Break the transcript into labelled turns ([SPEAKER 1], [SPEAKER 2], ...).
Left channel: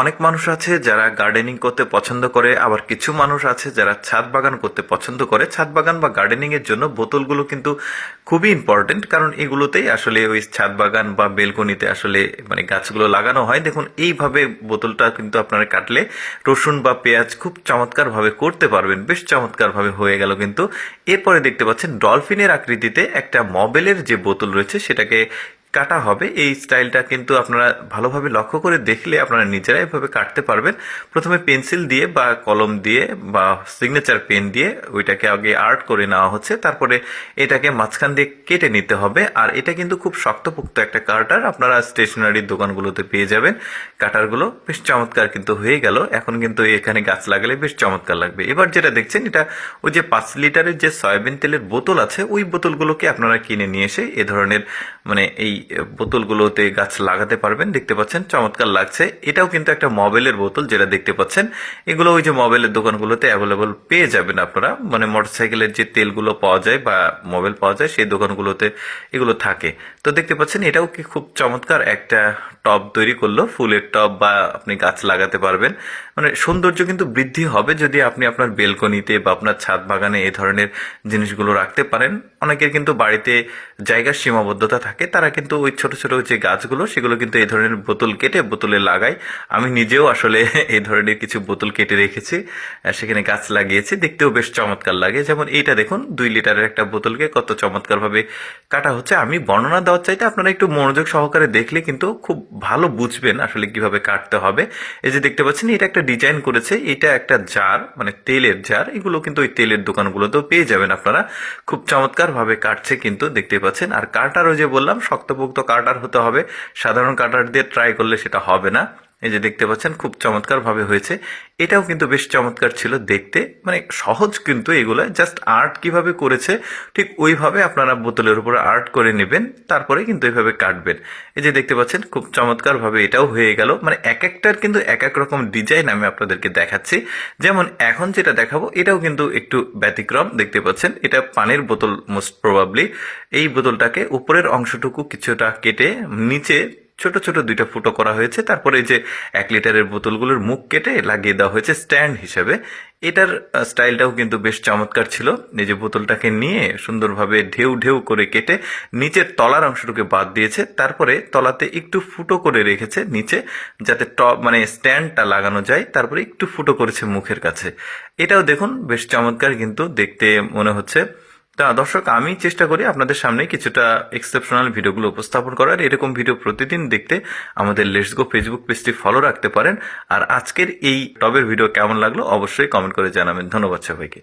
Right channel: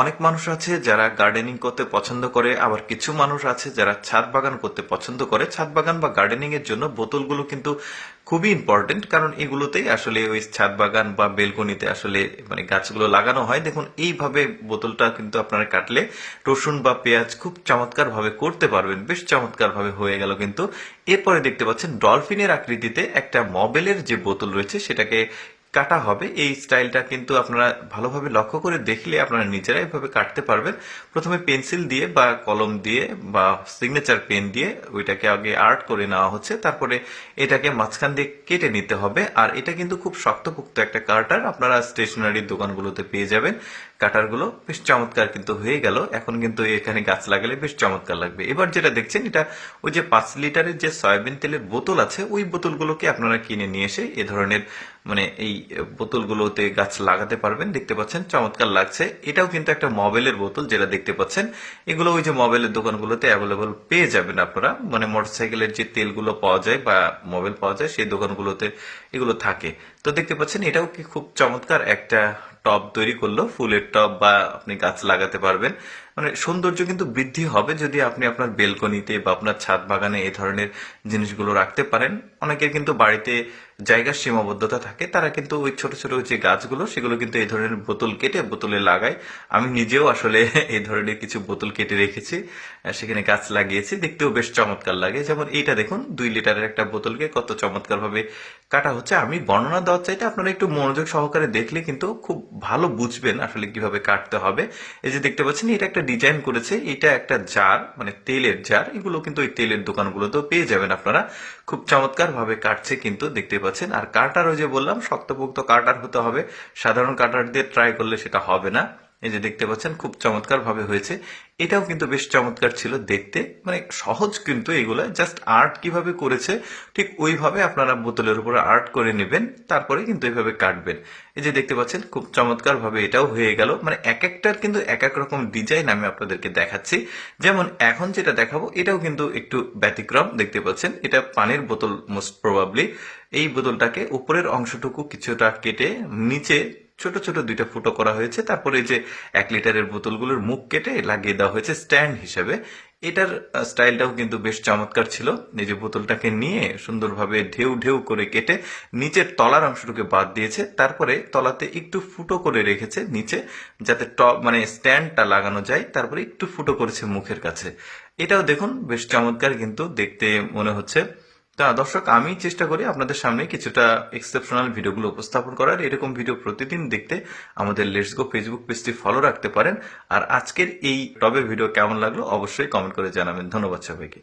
[SPEAKER 1] অনেক মানুষ আছে যারা গার্ডেনিং করতে পছন্দ করে, আবার কিছু মানুষ আছে যারা ছাদ বাগান করতে পছন্দ করে। ছাদ বাগান বা গার্ডেনিং এর জন্য বোতলগুলো কিন্তু খুবই ইম্পর্টেন্ট কারণ এগুলোতেই আসলে ওই ছাদ বাগান বা বেলকনিতে আসলে মানে গাছগুলো লাগানো হয়। দেখুন, এইভাবে বোতলটা কিন্তু আপনারা কাটলে রসুন বা পেঁয়াজ খুব চমৎকার ভাবে করতে পারবেন। বেশ চমৎকার ভাবে হয়ে গেল কিন্তু। এরপরে দেখতে পাচ্ছেন ডলফিনের আকৃতিতে একটা মবেলের যে বোতল রয়েছে, সেটাকে কাটা হবে। এই স্টাইলটা কিন্তু আপনারা ভালোভাবে লক্ষ্য করে দেখলে আপনারা নিজেরাই এভাবে কাটতে পারবেন। প্রথমে পেন্সিল দিয়ে বা কলম দিয়ে বা সিগনেচার পেন দিয়ে ওইটাকে আগে আর্ট করে নেওয়া হচ্ছে। তারপরে এটাকে মাঝখান দিয়ে কেটে নিতে হবে। আর এটা কিন্তু খুব শক্তপোক্ত একটা কাটার আপনারা স্টেশনারির দোকানগুলোতে পেয়ে যাবেন। কাটারগুলো বেশ চমৎকার কিন্তু হয়ে গেল। এখন কিন্তু এখানে গাছ লাগালে বেশ চমৎকার লাগবে। এবার যেটা দেখছেন, এটা ওই যে পাঁচ লিটারের যে সয়াবিন তেলের বোতল আছে, ওই বোতলগুলোকে আপনারা কিনে নিয়ে এসে এ ধরনের মানে এই বোতলগুলোতে গাছ লাগাতে পারবেন, দেখতে পাচ্ছেন, চমৎকার লাগছে। এটাও কিন্তু একটা মবেলের বোতল যেটা দেখতে পাচ্ছেন। এগুলো ওই যে মবেলের দোকানগুলোতে অ্যাভেলেবল পেয়ে যাবেন আপনারা। মানে মোটরসাইকেলের যে তেলগুলো পাওয়া যায় বা মোবাইল পাওয়া যায়, সেই দোকানগুলোতে এগুলো থাকে। তো দেখতে পাচ্ছেন, এটাও কি খুব চমৎকার একটা টব তৈরি করল, ফুলের টব বা আপনি গাছ লাগাতে পারবেন। মানে সৌন্দর্য কিন্তু বৃদ্ধি হবে যদি আপনি আপনার বেলকনিতে বা আপনার ছাদ বাগানে এই ধরনের জিনিসগুলো রাখতে পারেন। অনেকের কিন্তু বাড়িতে জায়গার সীমাবদ্ধতা থাকে, তারা কিন্তু ওই ছোট ছোট যে গাছগুলো, সেগুলো কিন্তু এই ধরনের বোতল কেটে বোতলে লাগায়। আমি নিজেও আসলে এই ধরনের কিছু বোতল কেটে রেখেছি সেখানে গাছ লাগিয়েছি, দেখতেও বেশ চমৎকার লাগে। যেমন এইটা দেখুন, দুই লিটারের একটা বোতলকে কত চমৎকার ভাবে কাটা হচ্ছে। আমি বর্ণনা দেওয়ার চাইতে আপনারা একটু মনোযোগ সহকারে দেখলে কিন্তু খুব ভালো বুঝবেন আসলে কীভাবে কাটতে হবে। এই যে দেখতে পাচ্ছেন, এটা একটা ডিজাইন করেছে, এটা একটা জার মানে তেলের জার এগুলো কিন্তু ওই তেলের দোকানগুলোতেও পেয়ে যাবেন আপনারা। খুব চমৎকার ভাবে কাটছে কিন্তু, দেখতে পাচ্ছেন। আর কাটারও যে বললাম, শক্তপোক্ত কাটার হতে হবে। সাধারণ কাটার দিয়ে ট্রাই করলে সেটা হবে না। এই যে দেখতে পাচ্ছেন, খুব চমৎকার ভাবে হয়েছে। এটাও কিন্তু বেশ চমৎকার ছিল দেখতে। মানে সহজ কিন্তু এগুলো, জাস্ট আর্ট কীভাবে করেছে, ঠিক ওইভাবে আপনারা বোতলের উপরে আর্ট করে নেবেন, তারপরে কিন্তু এইভাবে কাটবেন। এই যে দেখতে পাচ্ছেন, খুব চমৎকার ভাবে এটাও হয়ে গেল। মানে এক একটার কিন্তু এক এক রকম ডিজাইন আমি আপনাদেরকে দেখাচ্ছি। যেমন এখন যেটা দেখাবো, এটাও কিন্তু একটু ব্যতিক্রম, দেখতে পাচ্ছেন, এটা পানির বোতল মোস্ট প্রবাবলি এই বোতলটাকে উপরের অংশটুকু কিছুটা কেটে নিচে ছোট ছোট দুইটা ফুটো করা হয়েছে। তারপরে এই যে এক লিটারের বোতলগুলোর মুখ কেটে লাগিয়ে দেওয়া হয়েছে স্ট্যান্ড হিসেবে। এটার স্টাইলটাও কিন্তু বেশ চমৎকার ছিল। এই যে বোতলটাকে নিয়ে সুন্দরভাবে ঢেউ ঢেউ করে কেটে নিচের তলার অংশটুকু বাদ দিয়েছে। তারপরে তলাতে একটু ফুটো করে রেখেছে নিচে, যাতে টপ মানে স্ট্যান্ডটা লাগানো যায়। তারপরে একটু ফুটো করেছে মুখের কাছে। এটাও দেখুন, বেশ চমৎকার কিন্তু দেখতে মনে হচ্ছে। তা দর্শক, আমি চেষ্টা করি আপনাদের সামনে কিছুটা এক্সেপশনাল ভিডিওগুলো উপস্থাপন করার। এরকম ভিডিও প্রতিদিন দেখতে আমাদের লেটস গো ফেসবুক পেজটি ফলো রাখতে পারেন। আর আজকের এই টবের ভিডিও কেমন লাগল অবশ্যই কমেন্ট করে জানাবেন। ধন্যবাদ সবাইকে।